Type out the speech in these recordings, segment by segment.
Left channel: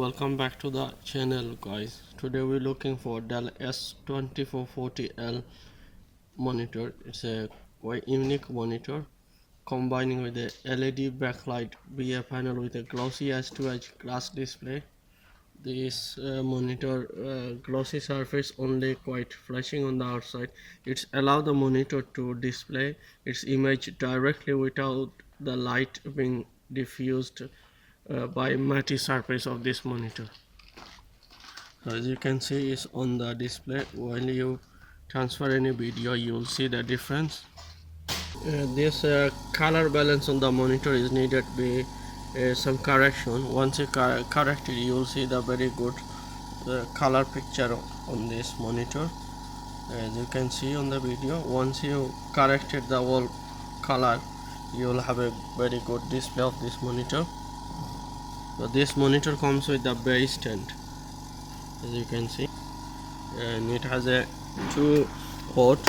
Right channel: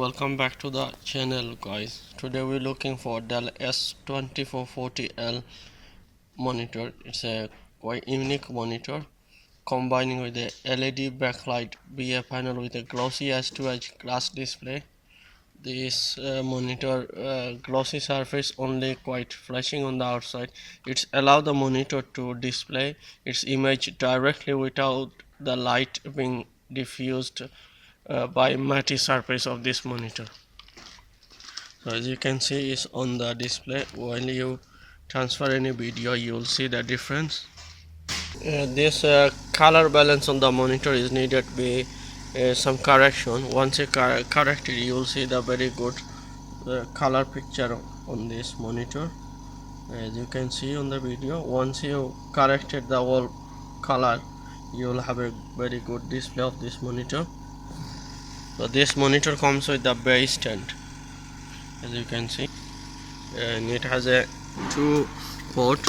Welcome back to the channel, guys. Today we're looking for Dell S2440L monitor. It's a quite unique monitor combining with a LED backlight BA panel with a glossy edge-to-edge glass display. This monitor glossy surface only quite flashing on the outside. It's allow the monitor to display its image directly without the light being diffused by matte surface of this monitor. So as you can see, is on the display. When you transfer any video, you will see the difference. This color balance on the monitor is needed be some correction. Once you corrected, you will see the very good color picture on this monitor. As you can see on the video, once you corrected the whole color, you will have a very good display of this monitor. So this monitor comes with the base stand, as you can see, and it has a 2-port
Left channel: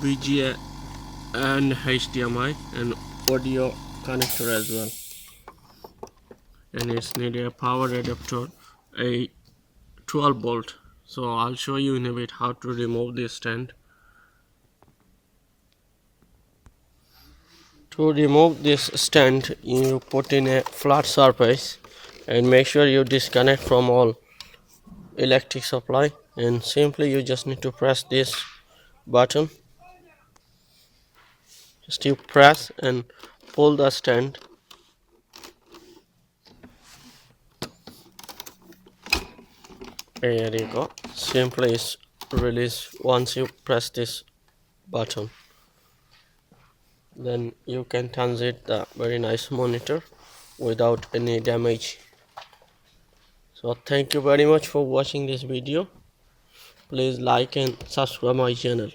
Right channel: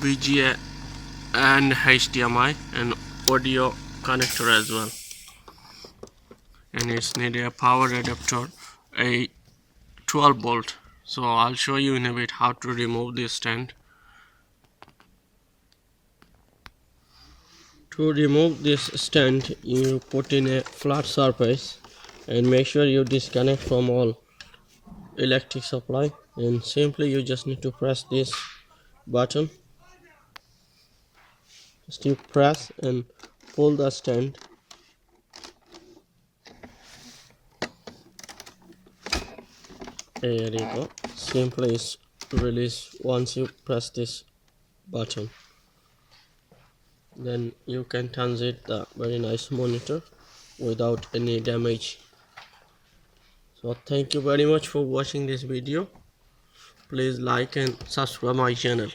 VGA and HDMI and audio connector as well, and it's need a power adapter, a 12 volt. So I'll show you in a bit how to remove this stand. To remove this stand, you put in a flat surface and make sure you disconnect from all electric supply, and simply you just need to press this button. Just you press and pull the stand. There you go. Simply is release once you press this button. Then you can transit the very nice monitor without any damage. So thank you very much for watching this video. Please like and subscribe my channel.